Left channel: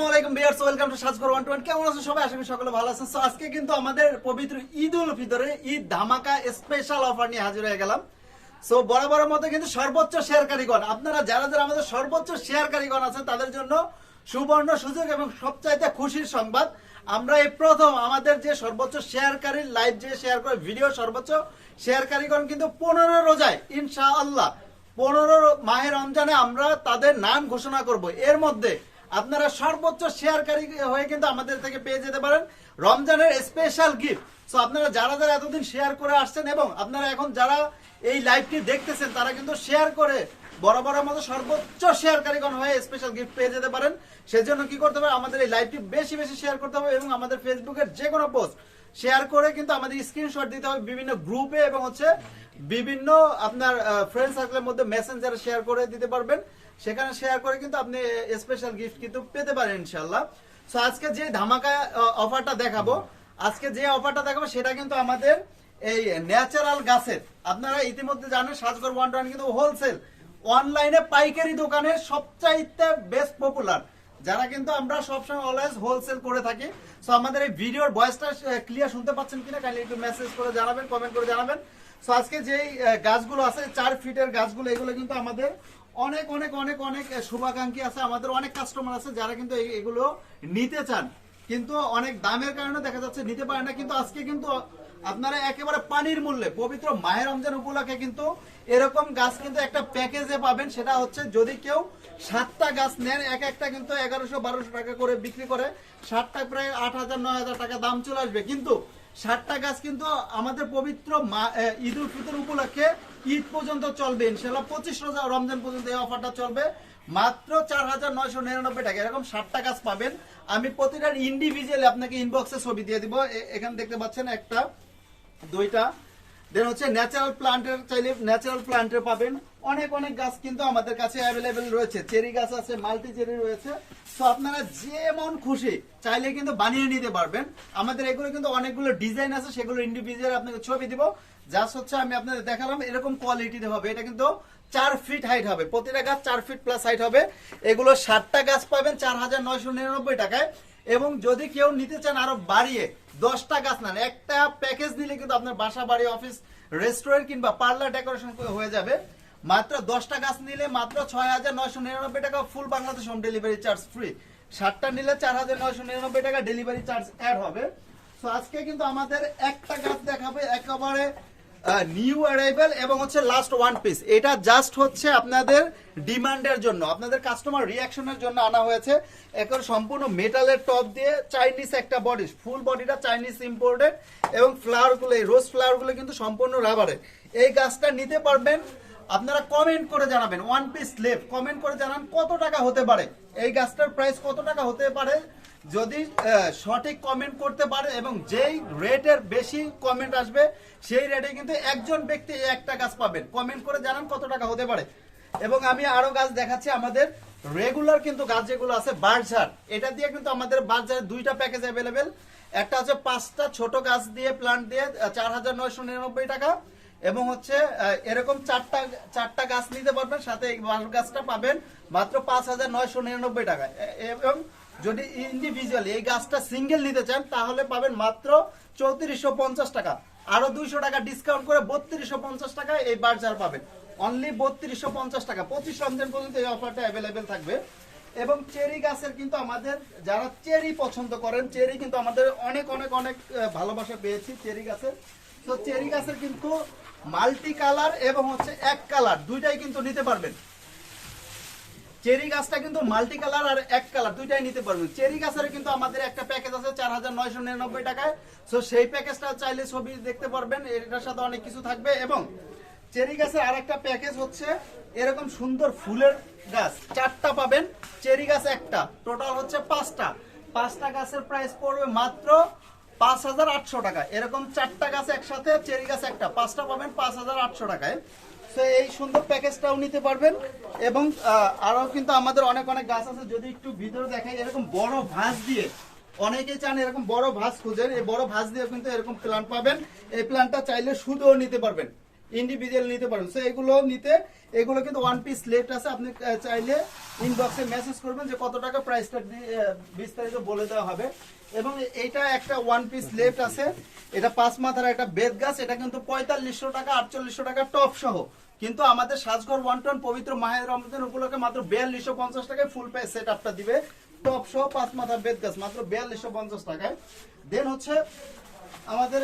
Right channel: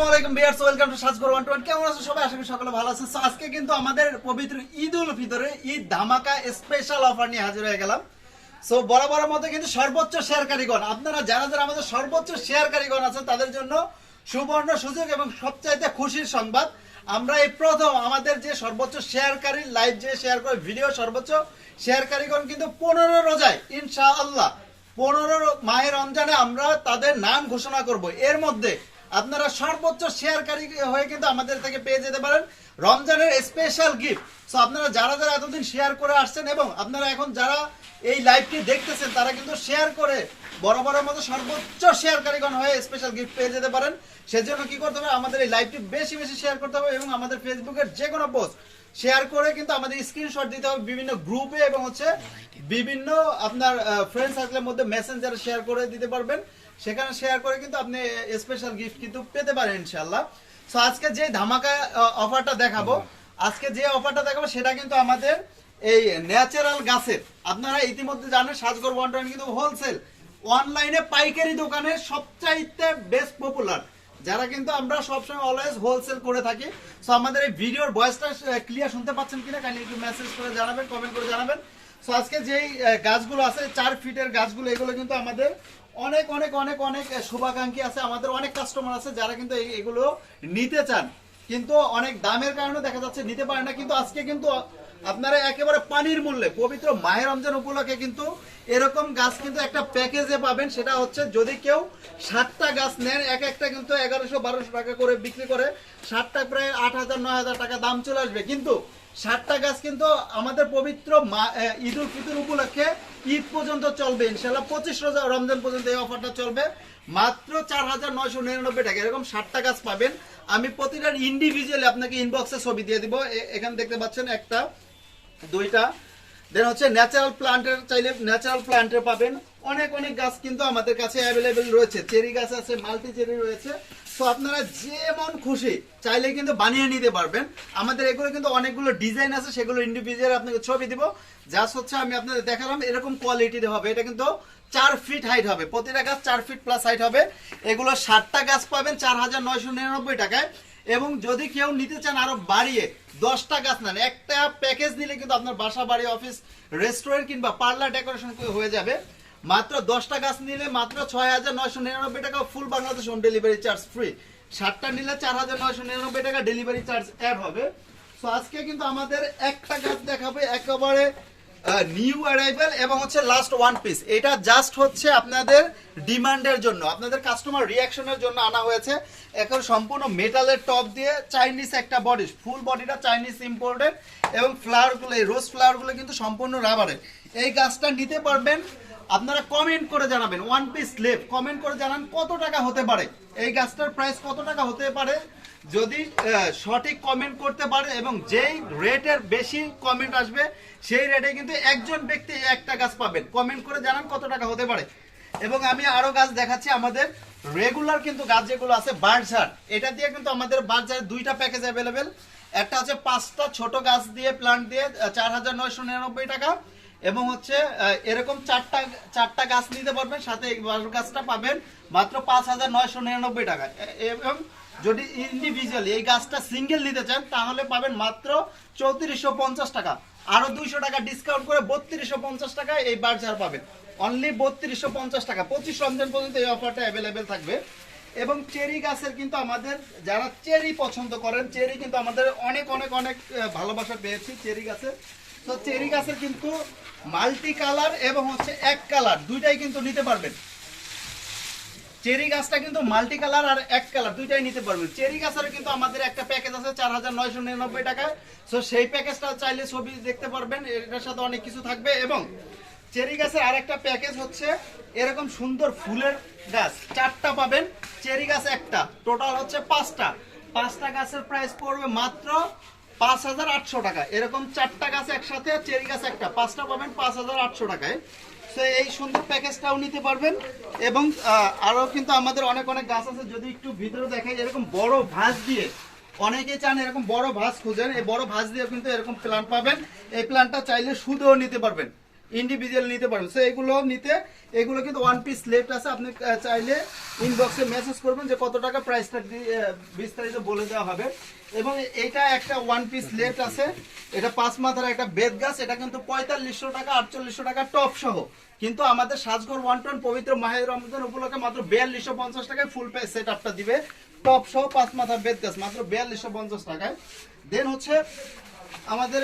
Welcome to twenty কেমন আছেন সবাই? আশা সকলে ভালো আছেন। আজকে কিন্তু আমাদের পবিত্র ঈদ উল ফিতরে ঈদ ধামাকা স্পেশাল অফার নিয়ে হাজির হয়ে গেলাম। সো বরাবরের কিন্তু সর্বোচ্চ শেয়ারকারীগণ আপনারা যারা যারা আমাদের সর্বোচ্চ আছেন, তাদের জন্য সুবর্ণ সুযোগ এবং সবচাইতে খুশির সংবাদ, আমরা এই প্রথম আমাদের যে সর্বোচ্চ শেয়ারকারী লাইভ যে শেয়ার করে ভিডিও সর্বোচ্চ শেয়ারকারীগণ কিন্তু পনেরো রোজায়, ইনশাআল্লাহ, পনেরো মাহে রমজানে আমরা তাদের নাম ঘোষণা করব। এর মধ্যে আপনারা সর্বোচ্চ শেয়ারকারী হয়ে কিন্তু আমাদের থেকে পেয়ে যেতে পারেন রমজানের স্পেশাল গিফট সো আপনারা যারা যারা এতদিন শেয়ার করে আসছেন এবং আপনারা এখন যারা এই লাইভটি দেখতেছেন, তারা কিন্তু শেয়ার করে বরাবরের মতো সর্বোচ্চ শেয়ারকারীগণ হয়ে স্পেশাল গিফট পেয়ে যেতে পারেন। সেজন্য কি করতে হবে? আমাদের এই লাইভটি বেশি বেশি শেয়ার করতে হবে এবং আমাদের ফেসবুকের যে কোনো পোস্ট শেয়ার করে কিন্তু আমাদের স্ক্রিনশট দিতে হবে বিভিন্ন গ্রুপে এবং হচ্ছে বিভিন্ন আপনার ফ্রেন্ড সার্কেলের মধ্যে মেসেঞ্জারে শেয়ার করে দিতে পারবেন। সেখানে শেয়ার করে কিন্তু আপনি স্পেশাল গিফট কিন্তু পেতে পারেন ইনশাল্লাহ সো আজকে যে ধামাকা অফারটা দেখাবো আজকে যে অফারটা দেখাবো সেটা কিন্তু আমাদের এই ন্যাচারাল গাছের। আপনারা ইতিমধ্যে জানেন সাজগর ওয়ান টোয়ান কিন্তু হোলসেল অনলাইনে পাইকারি দোকানের সবচাইতে বেস্ট পপুলার যারা কিন্তু আমরা সবসময় অলওয়েজ হোলসেল করে থাকি। সো আমাদের এই ভিডিওর ভয়েসটা ক্লিয়ার শুনতে পাচ্ছেন কিনা কাইন্ডলি একটু মেসেজ করে জানাবেন কমেন্ট করে জানাবেন। সো আজকে যেই গাছগুলো আছে চার ফিটের গাছগুলো এগুলো কিন্তু আমাদের অনেক অনেক অনেক অনেক শুভাকাঙ্ক্ষী আছে, আমাদের অনেক কাস্টমার আছে যারা কিন্তু এগুলো নিতে চান। কিন্তু অনেক দামের কারণে দেখা যাচ্ছে নিতে পারে না, কিন্তু আজকে কিন্তু আপনারা একেবারে পানির মূল্যে, পবিত্র মাহের রমজান উপলক্ষে কিন্তু এরকম গাছ কিন্তু একটা প্যাকেজে পাবেন, সেটা হচ্ছে যদি কেউ সাতটা গাছ নেন, এক একটা কিন্তু এগারোশো বারোশো টাকা করে বিক্রি করে ষাটটা প্রায় আট হাজার, নয় হাজার টাকা দাম চলে আসবে। কিন্তু ষাটটা গাছ কিন্তু আমাদের পবিত্র ঈদ উল ফিতর উপলক্ষে ঈদ পর্যন্ত চলবে ইনশাল্লাহ পঁচিশ রোজা রমজান পর্যন্ত এই অফারটা চলবে। মাত্র চার হাজার নয়শো নিরানব্বই টাকা, এরকম ষাটটা গাছ পাবেন। আমি প্রতিটার ইন্ডিভিজুয়ালি আপনাকে ইনবক্সে ছবি দিয়ে দিব এখানে দেখতে পাচ্ছেন একটা দুইটা। দেন হচ্ছে ন্যাচারাল প্লান্টের চাইলে ন্যাচারাল প্লান্টের পাবেন। অনেক অনেক গাছ কিন্তু আমাদের কাছে অ্যাভেলেবেল রয়েছে। চেরি গাছ আছে মাল্টি চেরি রয়েছে। তো আপনারা যেমন খুশি চাইলে কিন্তু বানিয়ে নিতে পারবেন। আমাদের এগুলো কিন্তু অনেকগুলো ডিজাইন আছে, সেগুলো ইন্ডিভিজুয়াল আপনাকে ছবি দিব। যা হচ্ছে আমি আপনাদের দেখালাম এরকম কোয়ালিটি হবে। এটা কিন্তু চার ফিট হাইট হবে। প্রতিটা গাছ চার ফিট প্লাস হাইট হবে। এগুলো ষাটটা গাছ পাবেন, চার হাজার নয়শো নিরানব্বই টাকায়। এবং যদি কেউ নিতে চান আরও বাড়িয়ে, দশটা গাছ নেন। একটা প্যাকেজ নিলে কিন্তু আপনার বাসা, বাড়ি অফিস রেস্টুরেন্ট কিংবা পার্লার ডেকোরেশন হয়ে যাবে। মাত্র দশটা গাছ নিলে মাত্র ছয় হাজার নয়শো নিরানব্বই টাকা full Bangladesh home delivery charge free ষাটটা নিলে চার হাজার নয়শো নিরানব্বই টাকা ডেলিভারি চার্জ অ্যাড হবে। তো আজকে কিন্তু আমাদের একটা গাছ দেখাবে, একেবারে নিউ অ্যারাইভেল এবং হচ্ছে লাস্ট ওয়ান পিস এটা জাস্ট হচ্ছে আপনাদের ডিমান্ডের জন্য। আপনাদের কাস্টমার রিয়াকশনের জন্য আনা হয়েছে। এখন সম্পূর্ণ মেটালের টপ দিয়ে চাইনিজ একটা বডি ফুল বডিটা চাইনিজ ইম্পোর্টেড এবং ফ্লাওয়ারগুলো এই রোজ ফ্লাওয়ারগুলো কিন্তু সম্পূর্ণ রাবারের এই গাছটা নিতে পারবেন, আপনারা কমেন্ট করে জানাবেন। ওয়ান পিস স্লেপ কমেন্ট করে জানান কত টাকা হতে পারে। এই গাছটার প্রাইস কত টাকা হতে পারে? যদি সঠিক কমেন্ট করতে পারে এবং যেই রেটের বেশি কমেন্ট আসবে, সেই রেটে কিন্তু একজন ব্যক্তি একটা গাছ পাবেন। কমেন্ট করে জানান কত টাকা হতে পারে। এবং আমি আরও গাছ দেখাচ্ছি, আমাদের রেগুলার কিন্তু গাছ যেগুলো আছে বার্জার এটা দিয়ে কিন্তু আমাদের বার্জার দুইটা প্যাকেজ অ্যাভেলেবেল একটা আছে পাঁচটা ছোট গাছ দিয়ে প্লান্ট দিয়ে চার হাজার নয়শো নিরানব্বই টাকা। এবং হচ্ছে এরকম চারটা চারটা গাছ নিতে পারবেন, সাথে গাছটা পাবেন মাত্র পাঁচ হাজার নয়শো নিরানব্বই টাকা এবং যদি ইন্ডিভিজুয়ালি এই গাছটা সিঙ্গেল নিতে চান, তাহলে পাবেন মাত্র চৌত্রিশশো পঞ্চাশ টাকা। আরও দুইশো টাকা ডিসকাউন্ট করে বত্রিশশো পঞ্চাশ টাকা এই বার্জার পাবেন। অনলি বত্রিশশো পঞ্চাশ টাকা। পঁচিশ রমজান পর্যন্ত এই অফারটা অ্যাভেলেবেল থাকবে। এবং চেরি গাছের কিন্তু আমাদের, যারা চেরি পছন্দ করেন, চেরি কিন্তু আমাদের অনেক অনেক অনেক ভালোবাসা পেয়েছি চেরি গাছের। তো চেরি গাছের কিন্তু মাল্টি কালার এবং হচ্ছে এক কালার দুইটাই কিন্তু নিতে পারবেন। চেরি গাছটা কিন্তু মাল্টি কালার আর এক কালার, দুইটাই নিতে পারবেন চেরি গাছের কিন্তু আমাদের একটা প্যাকেজ আছে চার হাজার নয়শো নিরানব্বই টাকায়। সো সেই প্যাকেজটা চাইলে ছবি দেখতে পারবেন, এটার সাথে অনেক কিছু থাকবে এবং চেরি গাছের আরেকটা প্যাকেজ হচ্ছে এরকম সুন্দর ফুলের গাছ, চারটা পাবেন, চেরি গাছ একটা টোটাল হচ্ছে পাঁচটা। পাঁচটা গাছের প্রাইস পড়বে মাত্র পাঁচ হাজার আটশো টাকা। এরকম চারটা গাছ একসাথে, চেরি গাছ একটা, পাঁচটা পাবেন পাঁচ হাজার আটশো টাকায়। এই সুন্দর প্যাকেজটাও নিতে পারবেন। এবং আরও কিন্তু আমাদের অনেক অনেক গাছ আছে, যদি একটু ভিতরে দেখেন এরকম বড় ভাঁজ দিয়ে অনেকে চান এরকম বড় ভাঁজ খুঁজেন, এই বড় ভাঁজ দিয়ে কিন্তু এরকম প্ল্যান্ট পাবেন। এই প্ল্যান্টটা চাইলে সুদও নিতে পারবেন। ইন্ডিভিজুয়াল নিতে পারবেন সো এগুলো নিতে, এগুলো কিন্তু ওয়ান পিস লেফট আছে। আপনি চাইলে ইনবক্সে মেসেজ করবেন যে কত টাকা প্রাইসটা বিস্তারিত বলে দেওয়া হবে। এবং এইটা একটা ওয়ান পিস লেফট আছে। এটা পাঁচ মাথার একটা বেদ গাছ। এটা কিন্তু পঁয়তাল্লিশশো টাকা, আটচল্লিশশো টাকা টপ সহ। কিন্তু আমাদের সাজঘর ওয়ান টন পবিত্র মাহের রমজান উপলক্ষে মাত্র বিয়াল্লিশশো পঞ্চাশ টাকায় ফুল পে সেট আপটা দিবে। টপ সহ পাঁচ মাথা বেদ গাছ, মাত্র বিয়াল্লিশশো পঞ্চাশ টাকায়। দেন হচ্ছে আমাদের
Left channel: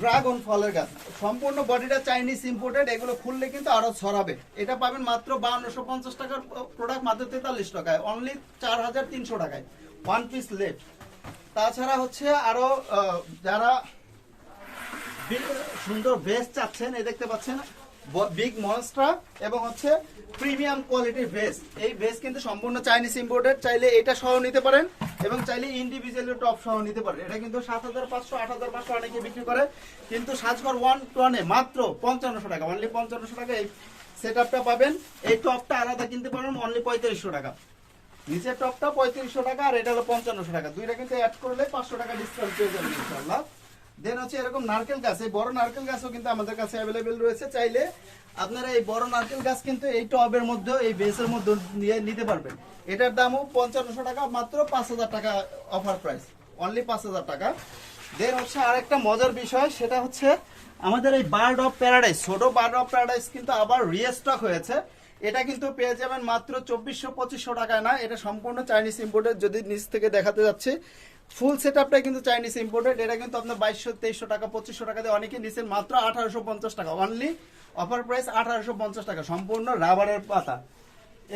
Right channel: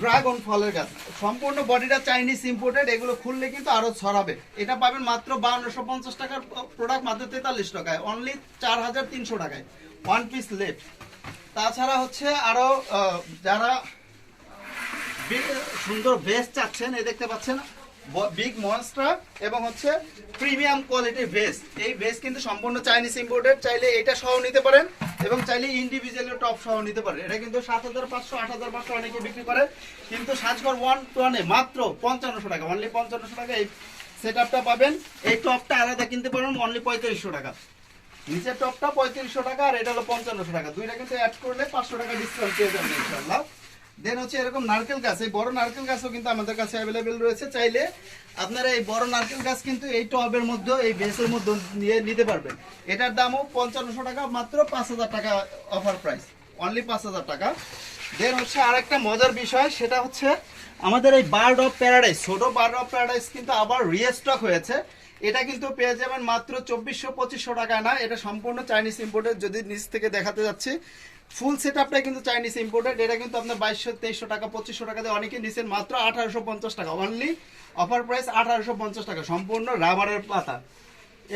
ড্রাগন ফলের গাছ। সম্পূর্ণ বডিটা চাইনিজ ইম্পোর্টেড এগুলো খুললে কিন্তু আরও ছড়াবে। এটা পাবেন মাত্র বাউন্নশো পঞ্চাশ টাকার প্রোডাক্ট মাত্র তেতাল্লিশ টাকায়। অনলি চার হাজার তিনশো টাকায়। ওয়ান পিস লেফট তাছাড়া হচ্ছে আরও আহ, যারা সুন্দর ভেস্ট চাচ্ছেন এ দেখতে পাচ্ছেন বিগ মনস্টার এবং হচ্ছে প্রিমিয়াম কোয়ালিটির ভেস্ট এই ভেস্ট কিন্তু সম্পূর্ণ চাইনিজ ইম্পোর্টেড চাইলে এটা সহ নিতে পারেন। এবং চাইলে ইন্ডিভিজুয়ালি টপ সহ নিতে পারে। এটা কিন্তু সাত হাজার পাঁচশো, আট হাজার পাঁচশো অনেকে বিক্রি করে। কিন্তু সাজগর ওয়ান ওয়ানে মাত্র পঞ্চান্নশো টাকা অনলি পঞ্চান্নশো টাকা এই সেট পাবেন। এই টপটা আলাদা কিনতে পারবেন অনলি পঁয়ত্রিশশো টাকা। নিচের টপটা পঁয়ত্রিশশো টাকা আর এটা হলো পঞ্চান্নশো টাকা। দুইটা কিন্তু অ্যাড করলে পাঁচশো টাকা ডিসকাউন্ট পেয়ে যাবেন ইনশাল্লাহ দেন হচ্ছে এরকম নারকেল গাছ, এই বড় নারকেল গাছও কিন্তু আমাদের কাছে অ্যাভেলেবেল রয়েছে। চাইলে আপনারা এই বড় নারকেল গাছ কিন্তু এই টবের মধ্যে, এই বেসের মধ্যে নিয়ে নিতে পারবেন। এটার দামও পঞ্চান্নশো টাকা, মাত্র পাঁচ হাজার টাকা অফার প্রাইস অনলি পাঁচ হাজার টাকা। দেন হচ্ছে আরেকটা মজার বিষয়, সেটা হচ্ছে আমাদের এই বার্ড অফ প্যারাডাইস ছোট বার্ড অফ প্যারাডাইস কিন্তু আবার রিস্টক হয়েছে। এটা কিন্তু পেয়ে যাবেন মাত্র চব্বিশশো পঁচিশশো টাকায় না, এটা সম্পূর্ণ চাইনিজ ইম্পোর্টেড যদি নিচ থেকে দেখাতে যাচ্ছে। ফুল সেট আপটা কিন্তু চাইনিজ ইম্পোর্টেড এটা কিন্তু আপনার বাইশশো, তেইশশো টাকা, পঁচিশশো টাকা দিয়ে অনেকে নিচ্ছেন মাত্র আঠারোশো পঞ্চাশ টাকা। অনলি অফার প্রাইস আঠারোশো পঞ্চাশ টাকা, সম্পূর্ণ রাবারের পাতা।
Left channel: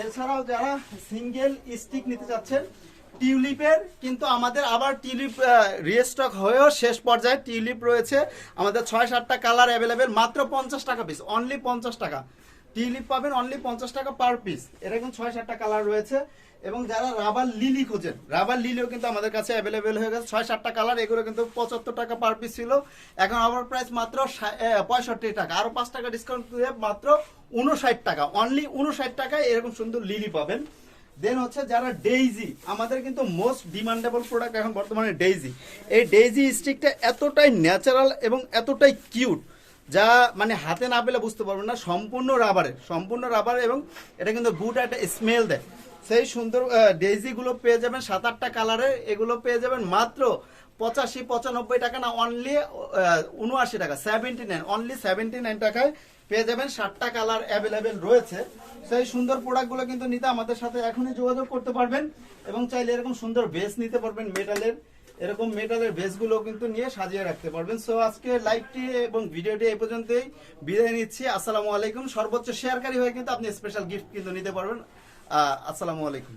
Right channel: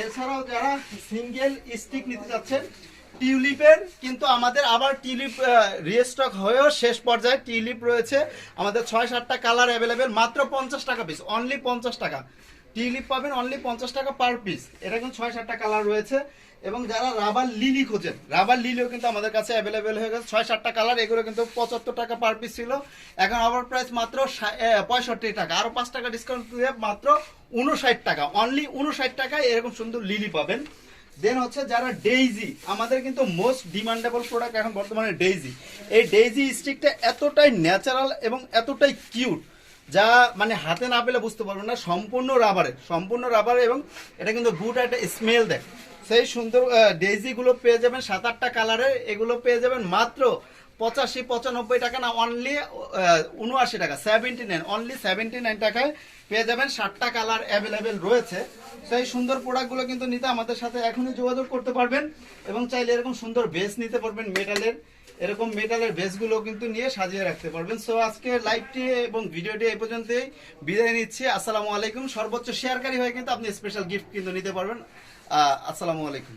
এছাড়াও যারা সিঙ্গেল স্টিক নিতে চাচ্ছেন টিউলিপের কিন্তু আমাদের আবার টিউলিপ রিস্টক হয়েও শেষ পর্যায়ে টিউলিপ রয়েছে। আমাদের ছয়, সাতটা কালার অ্যাভেলেবেল মাত্র পঞ্চাশ টাকা পিস অনলি পঞ্চাশ টাকা। টিউলিপ পাবেন অনলি পঞ্চাশ টাকা পার পিস এটা কিন্তু ছয়, সাতটা কালার রয়েছে। এবং যারা রাবার লিলি খোঁজেন রাবার লিলিও কিন্তু আমাদের কাছে অ্যাভেলেবেল হয়ে গেছে। ছয়, সাতটা কালার এগুলো কিন্তু পঁচাত্তর টাকা পার পিস ছিল। এখন আবার প্রাইস মাত্র পঁয়ষট্টি টাকা। আরও পাঁচ টাকা ডিসকাউন্ট দিয়ে মাত্র উনষাট টাকা। অনলি উনষাট টাকায় এরকম সুন্দর লিলি পাবেন। দেন হচ্ছে যারা ডেইজি আমাদের কিন্তু মোস্ট ডিমান্ডেবল প্রোডাক্ট এখন বর্তমানে ডেইজি এই ডেইজি স্টিকটা এতটাই ন্যাচারাল এবং এতটাই কিউট যা মানে হাতে না পেলে বুঝতে পারবেন না, সম্পূর্ণ রাবারের, সম্পূর্ণ রাবার এবং এটা কিন্তু গুড একটা স্মেল দেয়। সেই সুন্দর ডেইজি গুলো পেয়ে যাবেন সাত আটটা কালারের এগুলো পেয়ে যাবেন মাত্র পঁচাশি, পঁচানব্বই টাকা না অনলি উনআশি টাকা seventy nine only seventy nine টাকায় পেয়ে যাবেন ষাটটা কালার অ্যাভেলেবেল রয়েছে। সেই সুন্দর প্রোডাক্টগুলো কিন্তু নিতে আমাদের সাথে এখনই যোগাযোগ করতে পারবেন এবং চাইলে এরকম সুন্দর বেস নিতে পারবেন মেটালের এরকম মেটালের বেসগুলো কিন্তু নিয়ে সাজিয়ে রাখতে পারবেন। সো আজকে লাইভটি এবং ভিডিওটি এই পর্যন্তই। বিদায় নিচ্ছি। আসসালামু আলাইকুম। সর্বোচ্চ শেয়ারকারী হয়ে কিন্তু আপনি স্পেশাল গিফট কিন্তু নিতে পারবেন। আসসালামু আলাইকুম।